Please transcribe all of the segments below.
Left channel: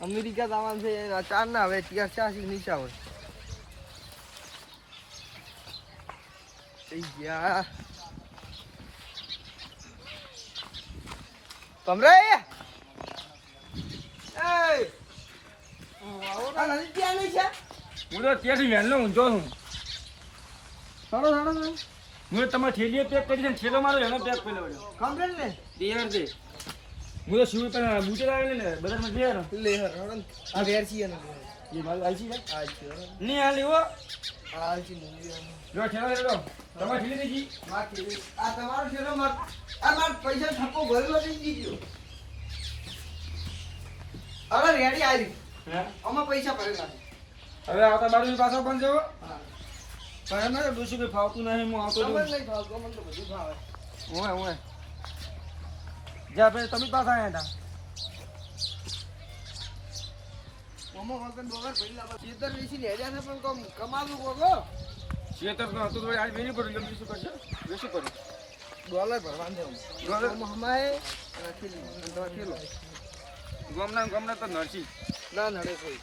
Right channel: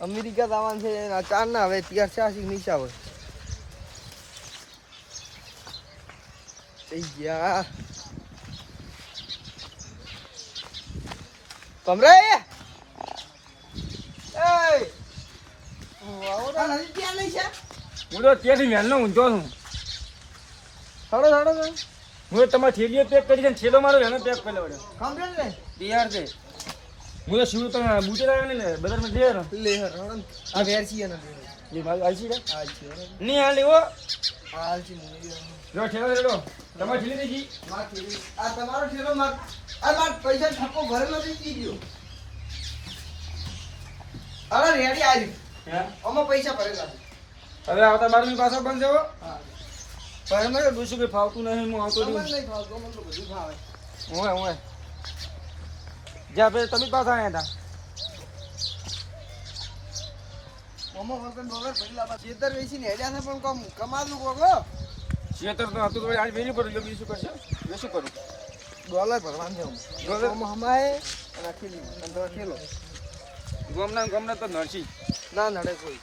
America જવાનું છે એના ચાર ના હવે ત્યાં ચાસી નીચા હોય. થઈ ગયા. કમરે! એ આવો ત્યાં નહીં છે? હું તો ત્યાંથી વહેલો ઊંઝો છું. સારો સારો હું તમારે થેલીઓ પેક કરી છે ને થેલો મારો એનો પેક કરી લેવડ્યો કમ્પ્લેટ ને? બિહાર છે. હું તો શિવ તમે બુટે લાવ્યો ને બજારમાં લઈ આવ્યો લે હર હર આ વેર છીએ ને જે ભાઈ આવી છે આ છે ની આ લેવો એવો આ છે મુની જો ઠેલો લેડો તમારે થેલી દેજી આ તમારો ઠેલો માર આ માર પૈસા થપ્પો ભરેલો જી ગયો. અરે રેડી આવી હે? આમાં પૈસા ભરેલા અરે આવતા બારમી પાછા બંધ જાવ હા. પણ એમ કે ફાવતું નહીં હું આવતો નહીં ભાવતું અમને તો બધું ફાવે. ઓય ઓય જ્યાં પછી તમે પાછા આવ્યા હતા? ચેતર હેડ્યા છે પણ કમ કમાલું કોકો શેતર તો હતું તો આજ વેલી પડ્યું એટલે શું કરશે? એ શું કરું? ડોલર ભરવાનું છે ડોલર? હમાય અને આ અને તો ખેલો. ગમને ગમને તો નરસી ના નડે કોઈ.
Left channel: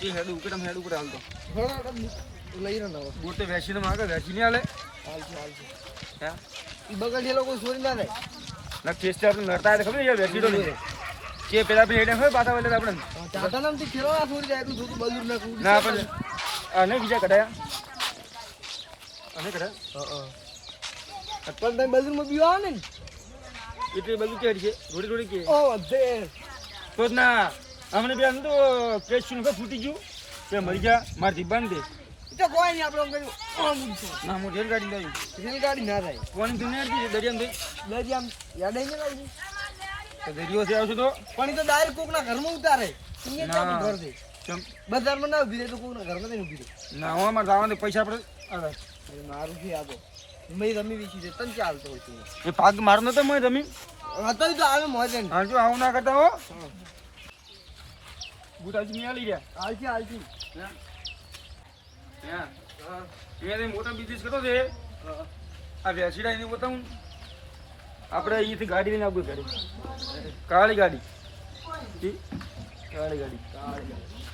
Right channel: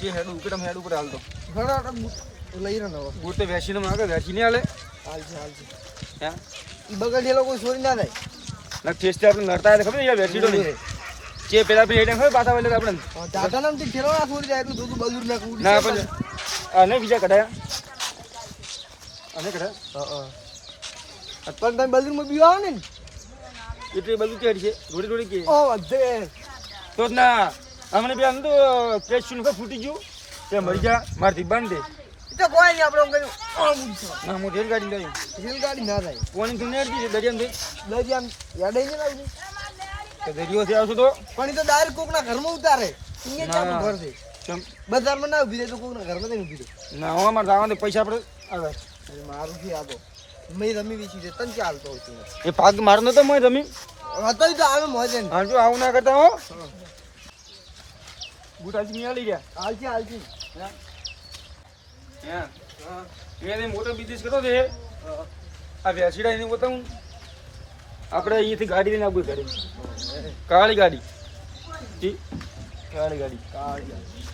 જે હેડ આમ હેડ ઉપર હાલતો. બૂટ લઈ રહ્યો બૂટ તો વેચીને માગે વેચીને હાલે હાલ છે હાલ છે. હે? બગલ ઠેલો કોઈ ચોરી ના થાય ના ટેસ્ટ આપણે નડતા હોય ખબર યાર વેચી તો નહીં પેલા પેલા હેડે હોય પાછા એટલે આપણે. દાદા નામથી ઠેલો ના જાય એટલું દૂધ બાજુ ના ના આપણે આ બીજા કઢાયા. આનો કઢાયા? પણ તમે બાજુમાં બીવા આવે ને? એટલે બધું કેડ છે થોડી થોડી કે ઓ તો ના અમને બે તો કેસ ફૂટી ગયું. તે મરી ગયા માર દીબાન દે તો કોઈ નહીં આપણે કર્યું ના હું રેલગાડી લઈ રેલગાડી ના થાય. કોની થી નેડ દીધી દરિયામ દે લજી આમ યાદ આવી જાય તો દરિયો થી આવશું તો. પણ તો ડાયરેક્ટ કોકના ઘરમાં ઉતારે. અહીંયા ક્યાં ઘર છે? બજારમાં ના ઊભી રહે તો કોકના ઘરમાં નહીં ઊભી રહે. ના હું અમારે જવાનું પૈસા આપણે આવે મારું છે આ તો. મેં રમી વેચી છે તને ચાલતો હોય છે એ ભાગ મારનો નતો મેં રમી હતો તો આવે મોજે ને. હા જો આવું ના કરતા હો. બુટાજી નહીં આલી ગયા. હાલજી હાલજી એને મોટો બિઝનેસ કર્યો છે. આ એને બતાવું આપણે અહીંયાથી ગાડી લઈને આવવું ઘરે. કાળી ગાડી. કાળી ગાડી. કાળી ગાડી.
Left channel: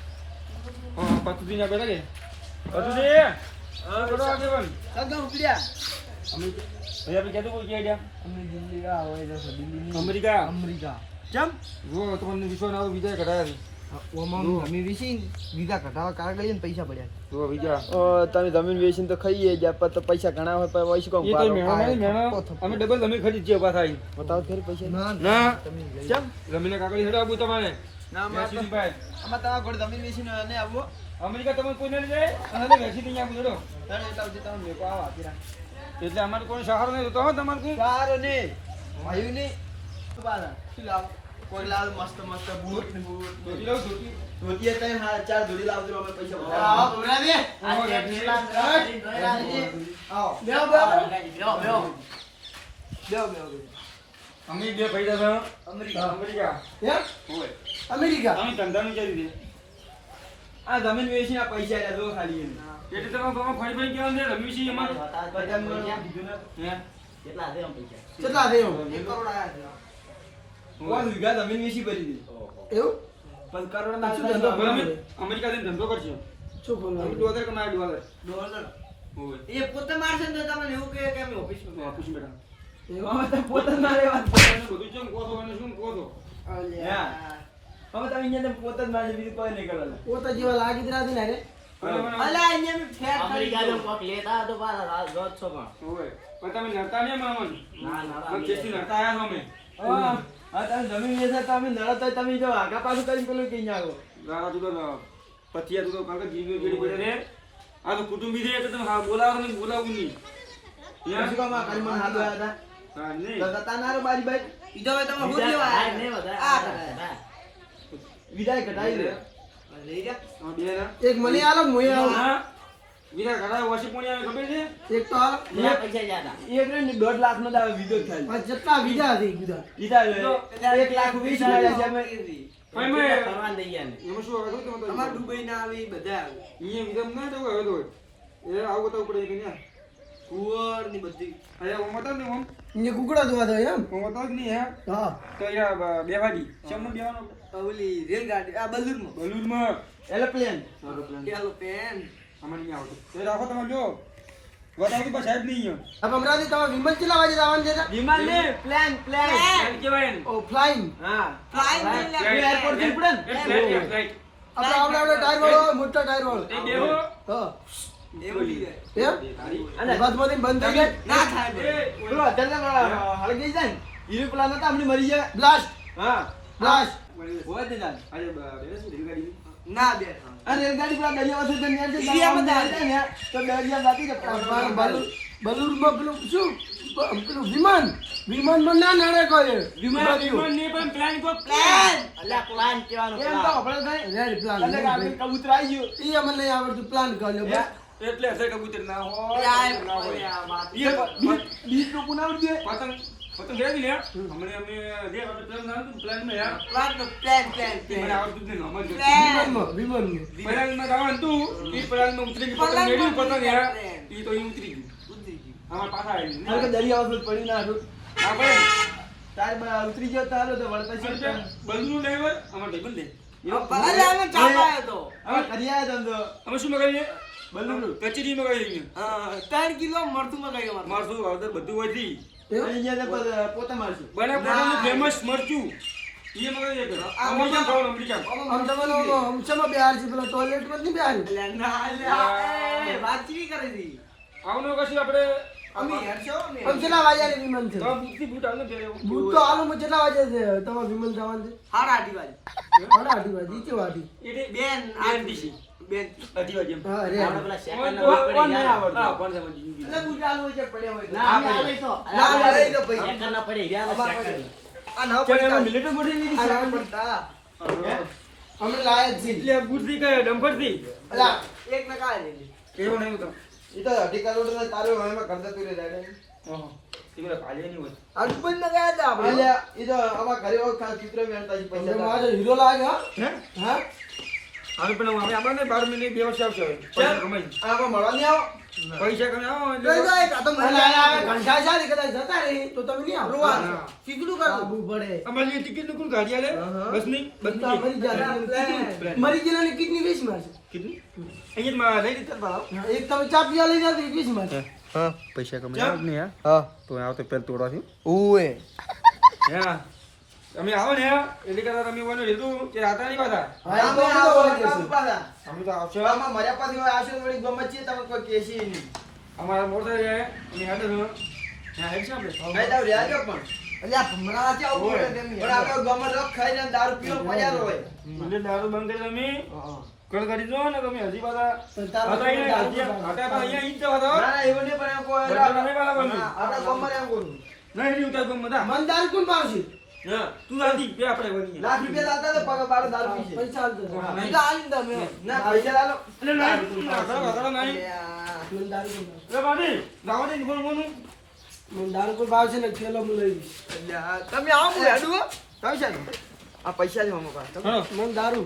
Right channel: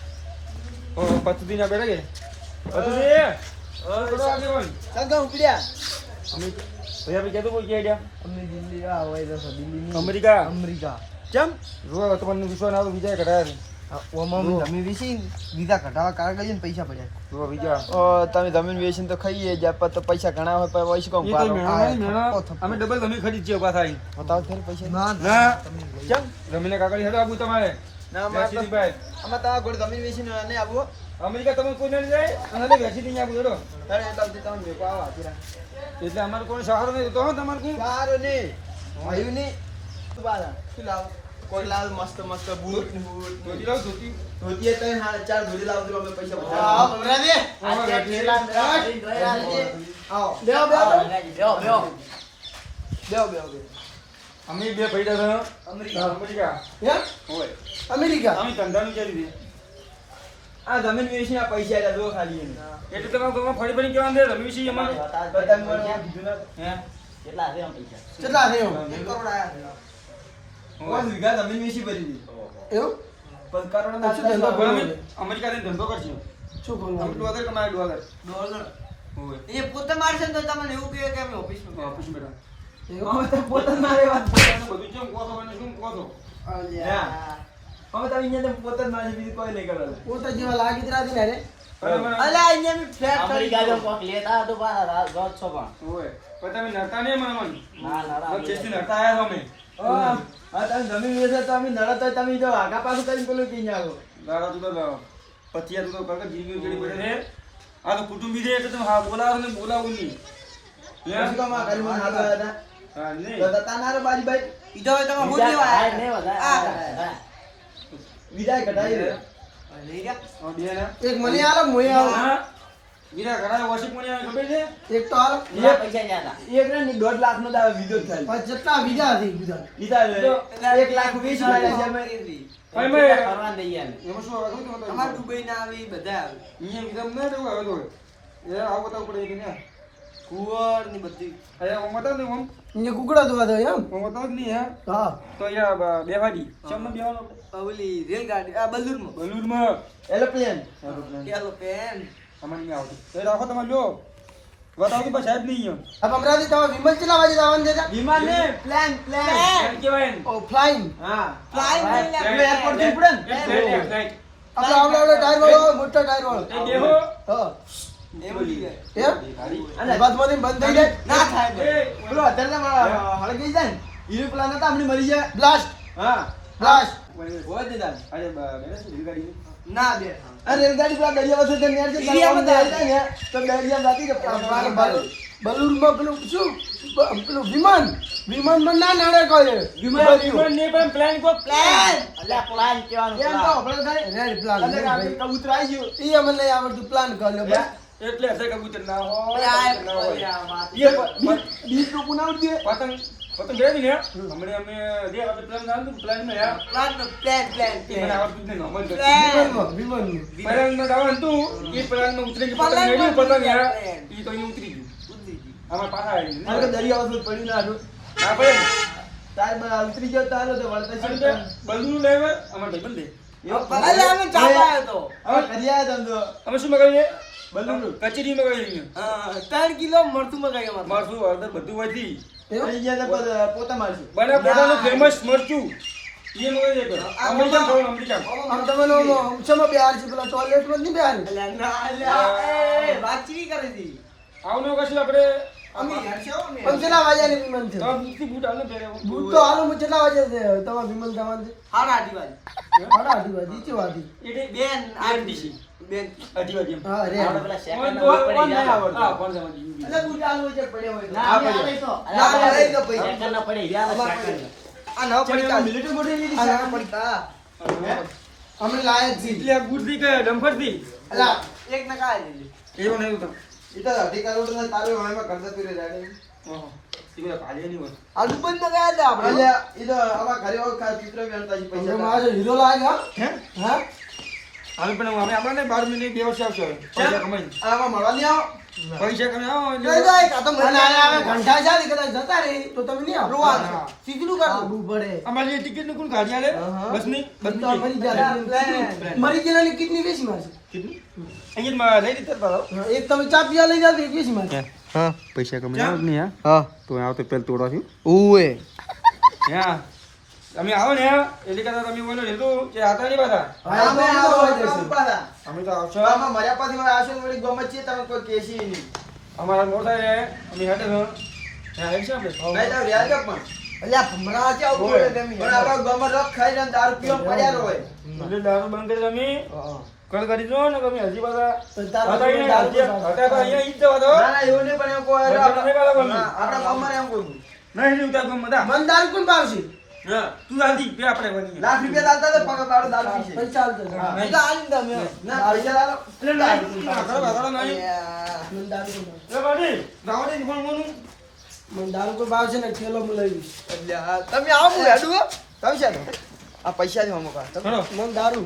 ઓ પતુજી ના બેઠા કે દિલ્હી અમેરિકા? અમેરિકા. કેમ? તમને વિશ્વાસ ના વિજય કઢાયા ઓમાં જમીન વેચી વિઝા કઢાવા કાગળ ને પૈસા પડ્યા. જો વિજય તમે જમીન વેચીને તો ખાઈએ જ તો પૈસા ઘણા હોય પણ વૈશ કોમ તો અમે ડબલ તમે ખરીદ છે પાછા આવી બતાવ ફરી પૈસા ના. ના. કેમ જમીને હેડો આવું તમારે. ના વેચીની ભાઈ. તમારા ઘોડે જમીન વેચીને અને આવો. અમેરિકા તમે કોઈ નહીં જાય? અને વેચી દઈએ આવું હેડો. તારે એટલા સુધી તમે મેકો આવો આખી એટલે અમારે કોઈ સહારો નહીં તો તમારે કોઈ. સારું નહીં. ભાઈ નહીં. લાવ? કોઈ લાલ મસ્ત મસ્ત બૂટ. ધોતી લાવ ધોતી? તઈ હા ચાર ધોતી લાવજો અમે પૈસા બધા આવો. આવો અમે બે પૈસા છો અમેરિકા. અમેરિકા. હે? હોય. અમેરિકા? અમે ધંધાનું ચાલી દે આ જમીન વેચીને આ પૈસા આલ્યા જો ખાલી એમ. એટલે તમારે તમે ફરી ફરી કેવાનું છે? અમારે બધા મને કીધું ના. હે? કેટલા છે આમ પૈસા? કેટલા થયો એક કરોડ આયા છે. કોણ વીઘા જમીન વેચી ભરી દીધી એવું? પણ કરોડ ના શું ધંધો કરો અમે? અમેરિકા જઈને ધંધો કરશે શું અમે ડોલર કમાય ડોલર. ડોલર? એ પોતે મારશે તો તમને એવું કહે કે અમે ઓફિસમાં ઓફિસ બેઠા. એવું? અમે પોતે જ મારે વાત બધું કેમ કહો છો મને શું કહો છો? અમે તો અહીંયા પોતે જ મારશે બીજું કોઈ નહીં કરે. પોતે જેવા લાગી જ રાતી ને રે. અહીંયા બી ફેટ અમેરિકા જો કોક લેતા હોય તો પાછા રોજ છો પણ. હોય. પણ તમે નરતા નહીં મને ના, આયા છો અમે. હા હા, તમે જમીન વેચો તો અમે નડત હોય તમે જો આગા પાછું કરીને પેલું કઈ ના આવો તું તો પતિયા તું તો કલક જીવી ગળી પડે. રે આ તો કુટુંબી છે કે તું હા બોલાવો ને બોલાવું નહીં. પછી કામ આ ઘરમાં હાથ આવ્યા હતા? હા નહીં. તો જતા ના બારી બારી. ઈધો તમે બીજા હોટી કાંઈ વાયા નહીં વધારે, આ વધારે, વિદાય કઢાઈ રે હા, બે ના. એક મને આલો મોય વીરા ઘણા વોશિપ કોની ખબર છે? એક તો આલો પૈસા જ્યાં એક ને દોઢ લાખ નો દાવે વિધો ખાલી પણ જેટલા બીજા હતી બીજા બીજા એક લાખ વીસ હજાર છે અમે ભાઈ મેં બીજા ફરવા દઈ ગયા ને. એમાં શું આવે ખબર છે? અમાર દુબઈ ના આવી બધા આવે. અહીંયા વિધમ ના તો એ આવું બતાવવું પડે ને કુંવરની બધી. અહીંયા ઓમ હતા ને ઓમ કુકડા જોવા જાય એમ. ઓમ હતો જ નહીં હે? હા. તો અહીંયા બેવાડી ચમનો બેવાનો? ઓલી રેલગાડી આ બલૂરમાં. બલૂરમાં. એરોપ્લેન. એરોપ્લેન. એરોપ્લેન. આમાં નહીં આવતું. એ રાખો તમે જો બતાવો તો સાહેબ નહીં આ અમરાવતી તમે વિમલ ચલા વાગે જવાનું છે? વિમાન ને પ્લેન પ્લેન. એમ ઓ ફ્લાઇંગ. હા. ફ્લાઇંગ એટલે એરપોર્ટથી ઉપડે ને? આપણે આવડે આવડે ટાયર વાળો મોટો ટાયર વાળો. એ દેહો. હા. બંધ થઈ જાય. હળગી જાય મરી જાય. બ્લાસ્ટ હા. બ્લાસ્ટ હોય જ દાદા અરે બ- બેને છે રેલગાડીની. ના બે આ રેલગાડી પેલા દરિયા વચ્ચે નેર. છે દરિયામાં જાય ને તો દરિયા બાકી કે બલૂરમાં પેલું શું? પેલું વિમાન. વિમાનમાં ના નડે કોઈ. વિમાન વિમાન નહીં પણ પ્લાન પ્લેન અલ્યા પ્લાન કહેવાનું એમ તો આપણે થાય રેડ પ્લાન અને આપણે કબૂતર આવી ગયું. ઈ અમને નહીં આવડતું પ્લાન કર્યો બસ. એટલે હશે કબૂતર ના હોય ના હોય. બીજ- બીજ તો પુના ઉડી પતંગ પતંગ રહે ને હમણાં અમે જે આપણે પ્લાન ના હતું પ્લાનમાં યાર. પ્લાન નો પ્લાન પ્લાન મને આવડતું નહીં નોર્મલ જ. વિમાનમાં વિમાનમાં. પ્લાનમાં જવાનું હતું એ પ્લાનમાં ઉતરી ગયું. પતંગ પ્લાનમાં મેળ્યું પતંગ યાર. પ્લાન. એ તો અહીં ઉતરી ગયું. આમાં પાછા આવી અને કે દરિયા વચ્ચે પડી ના હતું. ના પડે તાર બા ઉતરી ગયો તારો તો વળતા છે. અને તે અમાર ભાઈ અમારે ભાઈબંધ છે. અલે અમે ચાપાયો તો હવે કર્યા ધંધો અમે શું મગાવીએ કચેરી મગાવીએ હા ત્રણ કિલો મરચું મગાવ્યું મરચું હળદર બધું પછી પોતા મારશું. બને પોતાનું ફેમસ મરચું. એ મગાવી દે અમેરિકન ખાવાનું અમેરિકન. આમ છે પેલા ટોયલેટમાં નહીં બેહાર કરે છે. આવનો કશું આપણે કેટલા વાગ્યાની વિમાન છે? બૂટ તો હાલ હું કેટલા વાગે છે તમારે વિમલ જવાનું છે હાડા આડી વાળી સાડા આઠી વાગે ઈચે વાગી એટલે બેન આડી બેન આપણે પેલા ના નહીં. હા કોણ સમજી એટલે છે હોય ના, પડ્યો. આવે તો. ના પડે. તો પછી second ના પડી. ગયા ને second. આ નવ પડતા. મિલિટરી બોડી લીધી આ પડતા. અમે લાયક છીએ. એટલે કે ડમ્ફરથી અલા એક નકા લીધી. એવું નહીં તો એ તો અઢી કિલોમીટર તારે હોયમાં કરતા તું રે જાડે ઓહો હીરો લાગે હા? પણ આપણે બાર મિનિટ બે વર્ષ આવશે પૈસા કમાઈ આમાં મળવા નહીં આવો. પૈસા કમાઈ આવો લઈ જાય કાં તો મરી અને ઘંટા છે ને કદાચ જતા રે તો તમે નહીં આવો રોવા. હા. શીખડું પડે. અમારી ટિકિટનું કોણ ગાડી આલે? મરી જાય ગયેલાની કિડની વેચી મારશે લઈ એક તમે ચા પીવા લઈ જાવ તો વેચી મારશે હા પૈસા કમાઈ નહીં હા? હા તો આવતો પેલ તોડો છે ઉએ હા. તમે આવો ને એટલે કદાચ તમે ઓલો લીધું કે આતા નહીં પાછા? અમે અમે તો આવો. અમે તો આવશે આમાં મર્યા પાછી આવશે ને વળી ગમત છે તમે કોઈ કેસી નહીં. અમારા મોટા થાય છે અમે હેડે છો ત્યાં હેડ છે આપણે? ભાઈ તો રહ્યા છો પણ? અલ્યા ભમરા છે આવું બોલે તેમ. પણ આપણે ગમત રખ ખાઈ ને દારૂ પીવા પડ્યા હોય. એટલે દારૂ બંધ કરી તમે. કોલ કરી દો ને તમે? હજી પાછા અહીંયા દારૂ અહીંયા ઈ જ જવા દો. ના ના એવું નહીં પણ એમ કોઈ. આપણા ગમર એમ કોઈ નહીં હજી ઉતાર ગમ બધા મન દારૂ કોણ પાવશે તું દાદી બે આપણે બનીએ લાખ રૂપિયા દાલતા તો પગ બારો દાલ પીશે પૈસા હાલતો હા. જાય. એટલે આલીને તમે. ના પૈસા લાલો એટલે ના આગળ આગળ નહીં. મન દારૂ એ બાડી દાવડી ફોન ફોન મન પર ભાવ છે ને ઠેલો હું લઈ. તમે આવો હેડું હો. પૈસા આ પૈસા જ મમકા મન દારૂ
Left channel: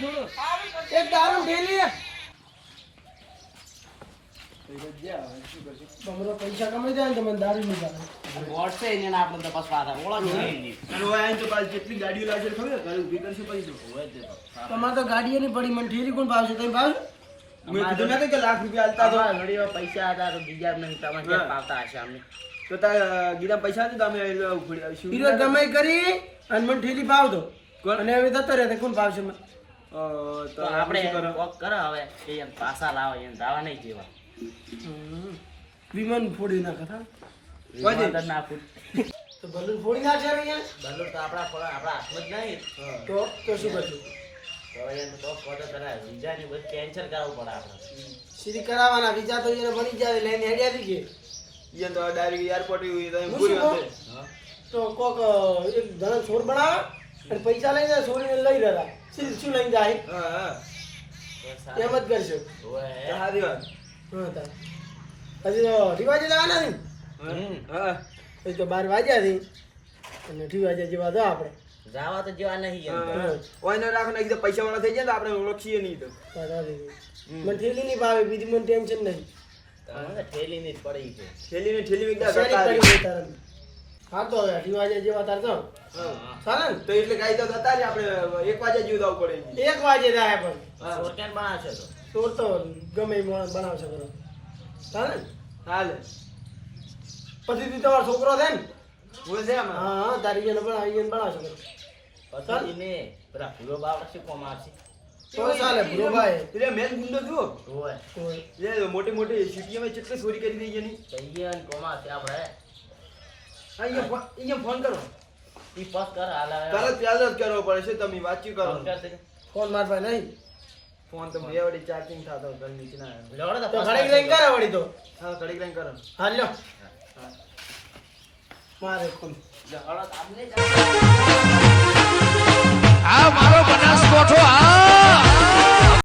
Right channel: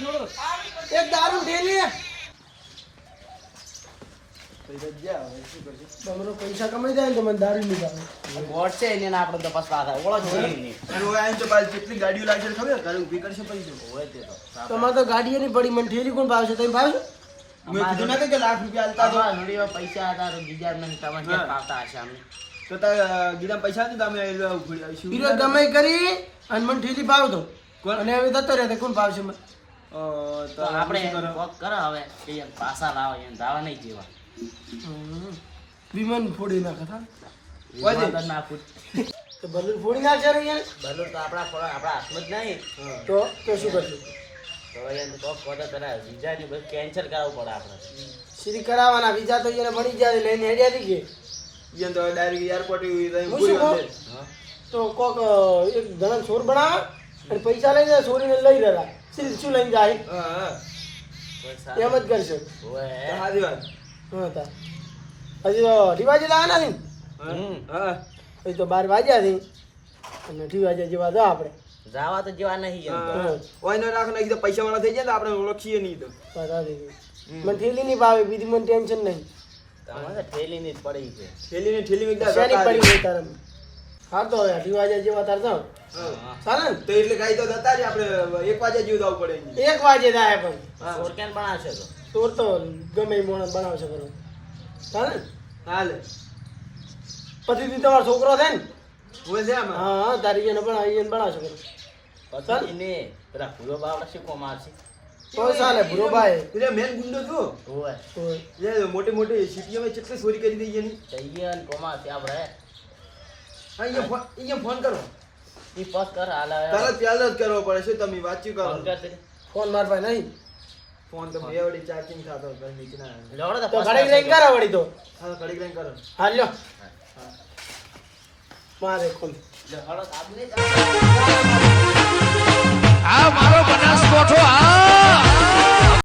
એક દારૂ ઢેલી તમારો પૈસા કમાઈ જાય ને તો મને દારૂ નહીં ભાવે બોટ છે એને આપણે તપાસ પાછા ઓળખ છે. એની. અને ઓય આઈને તો પાછી કેટલી ગાડીઓ લાગશે ખબર ઘરે ઊભી કરશે પછી હોય તે તો. તમારે તો ગાડીએ નહીં પડી મને ઠેલી કોણ ભાવશે? તમે ભાવશો? મેં કીધું નતું કે લાખ રૂપિયા આલતા તો. તમારા પૈસા હતા તો બીજા નહીં તમે ક્યાં પાવતા હશે અમને. તો તાર ગીરામાં પૈસા નથી તમે અમે ઉઘડી- કરી અને મને ઠેલી ભાવ દો. અને હવે જતો રહે કોણ ભાવશે મને? તો તો આપણે કોક કરો હવે એમ પાસા લાવો એમ દાવા નહીં જેવા. વિમાન ફોડી નાખે હા વાજે. ના ફૂટ. તો બલૂન ફોડી નાખશે ને યાર. બલૂન તો આપણા ફોડા આપણા હાથમાં જ નહીં. તો તો શું કરશું? તો એને તો કોક પેલા વિઝાની બસ કેન્સલ કરાવવું પડે આપણે. સીધી કરાવવાના વિઝા તો એને મળી ગયા લઈને હેડ્યા થઈ ઈયન તો ડાયરેક્ટ એરપોર્ટ પૂરી? તો કોક એક જણા છોર બનાવે. અને પૈસા લઈને ચોરીને લઈ રહ્યા. સીધી શું લઈને જાય? હા હા કોઈ એમ. જ કરશે. તો સારી વાત. તા. હજી તો ઢીવાજે લાવવાના નહીં? પછી તો બાર વાગ્યા છે. અને ઢીવાજે જેવા તો આપણે. જાવા તો જેવા નહીં તો. ઓય ન રાખો ને કીધું પૈસા વાળા થઈ જાય ને આપણે ઓળખીએ નહીં તો. મને થેલી નહીં ભાવે બીજું મને ટેન્શન નહીં. ઠેલી ઠેલીની જ પડી છે. થેલી ને થેલી એકદમ હા તો ઢીવાજે જેવા તાર જાવ હા. ચાલે તો એટલે ગાઈ તો જતા જ આપણે એક વાગે જેવું જવું પડે એક વાગે થાય પણ. હા. ચોર કેમ બનાવશો તો? ચોર તો ગમે મોણ બનાવશે કરો ચાલે ને? હાલે. પછી તી તમારો છોકરો છે ને? હોય છે આમાં? હા તારી એને પણ એને બનાવશે કરો પછી એને પેલા ભૂરો બાવડા શું કોમ આવશે? તો મોટી મોટી સિટીઓ કેટલી ચોરી કરી દઈ એની? કોમા છે આપણે. હા અહીંયા ફોન કરો. ઈ પાસ કર હાલ. તરત પ્યાલ જ કરવો પડે છે તમે વાતચીત કરો? ફોન કર. ફોન મારવા નહીં. ફોન તો બે વડી ચાર્જિંગ થાતો ઘર નીચે ના આવે. તો તો ઘડી કરશે લઈને વડી તો. હા ઘડી રહીને કરો. હાલ લ્યો. મારે ખુમ લેવડો તો આ મારો બનાસકોઠો આ